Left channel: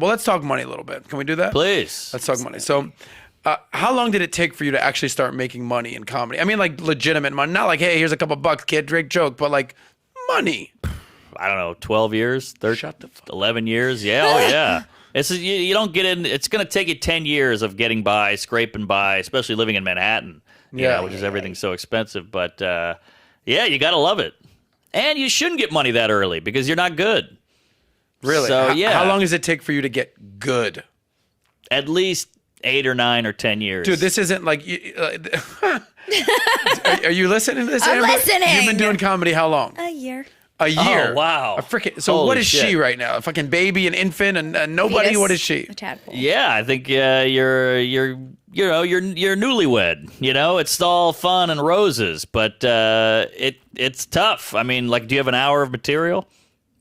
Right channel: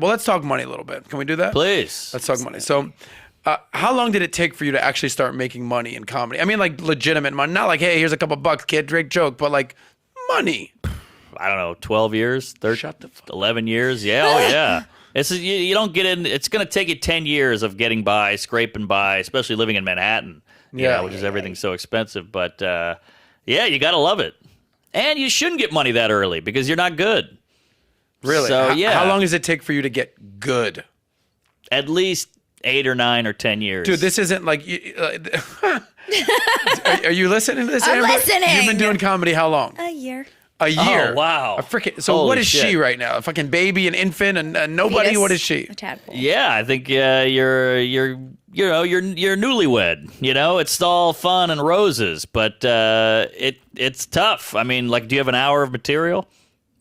Well, let's talk money a little bit. Can we do that? Please. Let's talk money. So, how long did it take for you to actually start making money in comedy? I mean, like legitimate money, not like, hey, here's a couple bucks, kid, Drake joke, but like money. I don't know, 12 years, 11 years. Yeah, yeah. You don't get in. It's going to take you 10 years of getting by, scraping by, especially living in Manhattan, which is everything's so expensive. But you got to love it. And you shouldn't get money that early because you're not good. Really? So, how long does it take for you to get good? At least 8 or 9 or 10 years. Dude, this isn't like... are you listening to this, I'm Amber? listening. You've been doing comedy how long? A year. A year? Oh, wow. So Holy what is shit. she right now? A fucking baby, an infant, and nobody? Fetus, What is she? A tadpole. Yeah, I think you're newlywed. It's all fun and roses, but it's tough. I mean, like, do you have an hour of material?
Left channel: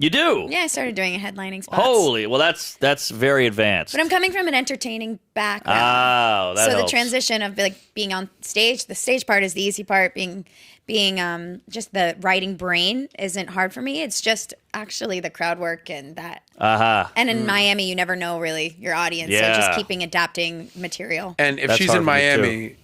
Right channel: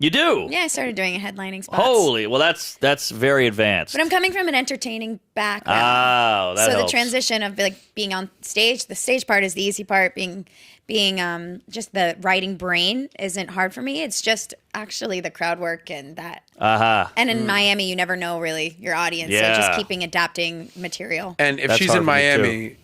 You do. Yeah, I started doing a headlining spots. Holy, well, that's very advanced. But I'm coming from an entertaining background. Oh, that so helps. the transition of like being on stage, the stage part is the easy part. Being just the writing brain isn't hard for me. It's just actually the crowd work and that. And in Miami, you never know really your audience. Yeah. So just keeping adapting material. And if That's she's hard in for me, Miami,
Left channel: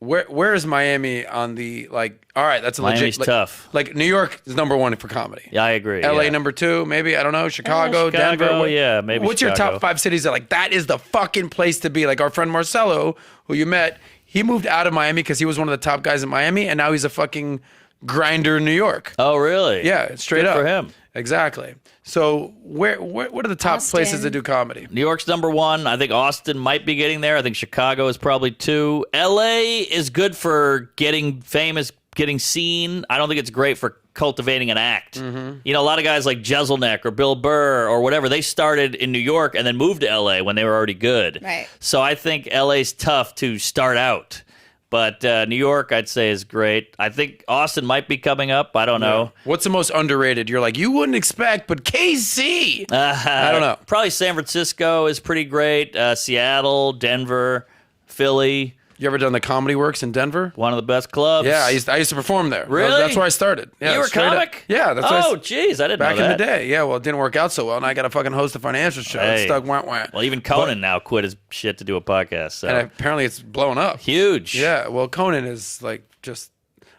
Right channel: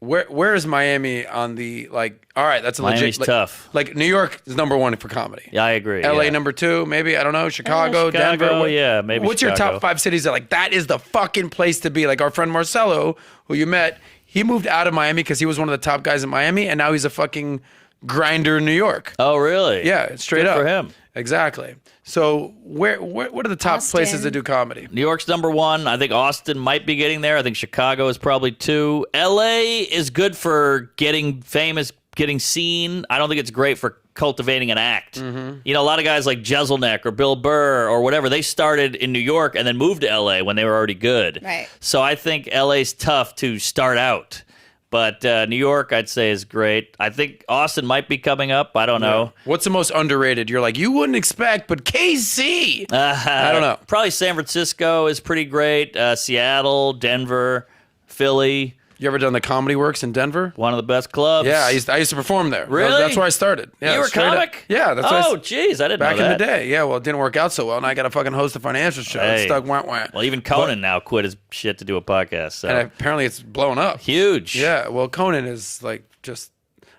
where is Miami on the, like, all right, that's a Miami's legit... tough. Like, New York is number 1 for comedy. Yeah, I agree. LA yeah. number 2, maybe, I don't know, Chicago, Denver. Yeah, maybe What's Chicago. your top 5 cities that, like, that is the fucking place to be? Like, our friend Marcelo, who you met, he moved out of Miami because he was one of the top guys in Miami, and now he's a fucking grinder in New York. Oh, really? Yeah, straight Good up. for him. Exactly. So what are the top Austin. places to do comedy? New York's number 1. I think Austin might be getting there. I think Chicago is probably 2. LA is good for getting famous, getting seen. I don't think it's great for cultivating an act. A lot of guys like Jeselnik or Bill Burr or whatever, they started in New York and then moved to LA when they were already good. Right. So I think LA's tough to start out. But New York, I'd say, is great. I think Austin might be coming up. I don't know. What's the most underrated? You're like, you wouldn't expect, but KC. I don't know. Probably San Francisco is pretty great. Seattle, Denver, Philly. You ever done the Comedy Works in Denver? One of the best clubs. Yeah, I used to perform there. Really? That's where I started. Yeah, You were a straight up. comic? Yeah, that's Oh, jeez, I didn't back know that. in the day. Yeah, well, it didn't work out so well, and I got to fucking host a financial show. Hey. It stuck, wah. Well, even Conan now quit his shit to do a podcast. So. And apparently it's blown up. Huge. Yeah, well, Conan is like just...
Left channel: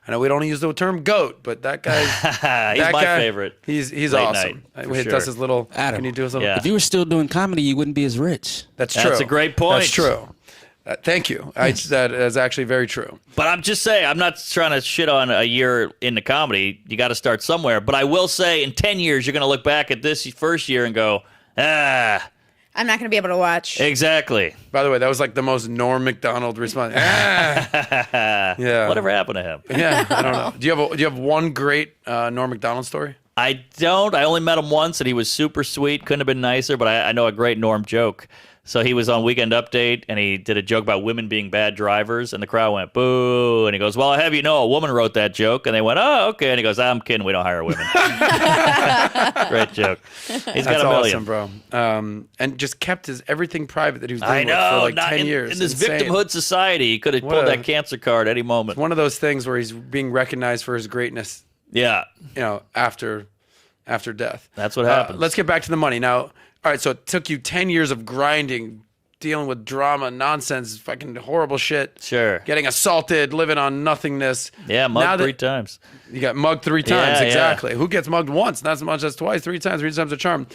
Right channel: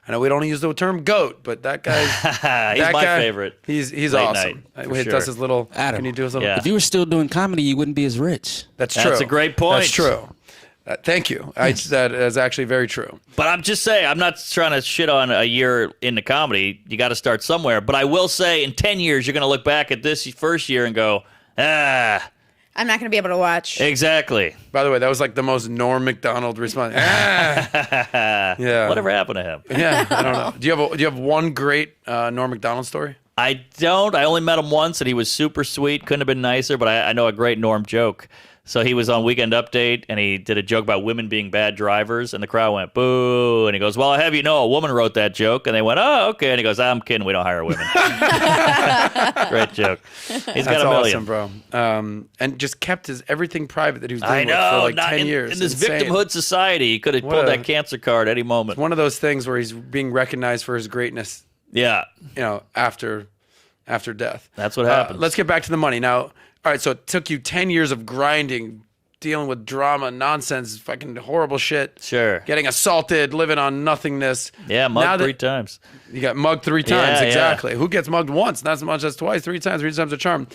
I know we don't use the term goat, but that guy... He's my favorite. He's Late awesome. night, When for he does sure. his little... Adam, Can you do his little... Yeah. If you were still doing comedy, you wouldn't be as rich. That's true. That's a great point. That's true. Thank you. That is actually very true. But I'm just saying, I'm not trying to shit on a year into comedy. You got to start somewhere. But I will say, in 10 years, you're going to look back at this first year and go, I'm not going to be able to watch. exactly. By the way, that was like the most Norm Macdonald response. Yeah. Whatever happened to him? Yeah, I don't know. Do you have one great Norm Macdonald story? I don't. I only met him once, and he was super sweet. Couldn't have been nicer, but I know a great Norm joke. So he was on Weekend Update, and he did a joke about women being bad drivers, and the crowd went, boo. And he goes, well, I have you know, a woman wrote that joke. And they went, oh, okay. And he goes, I'm kidding. We don't hire women. Great joke. He's got That's a million. awesome, bro. And just kept everything private that he was doing I with know. for like not 10 in, years. in this Insane. victimhood society, he could have What pulled a- that cancer card any moment. One of those things where he's being recognized for his greatness, Yeah. after death. That's what happens. Let's get back to the money. Now, all right, so it took you 10 years of grinding, dealing with drama, nonsense, fucking horrible shit. Sure. Getting assaulted, living on nothingness. Yeah, Now mugged that- 3 times. You got mugged 3 times, Yeah, exactly. Who gets mugged once? Not so much as twice, 3 times. 3 times a charm.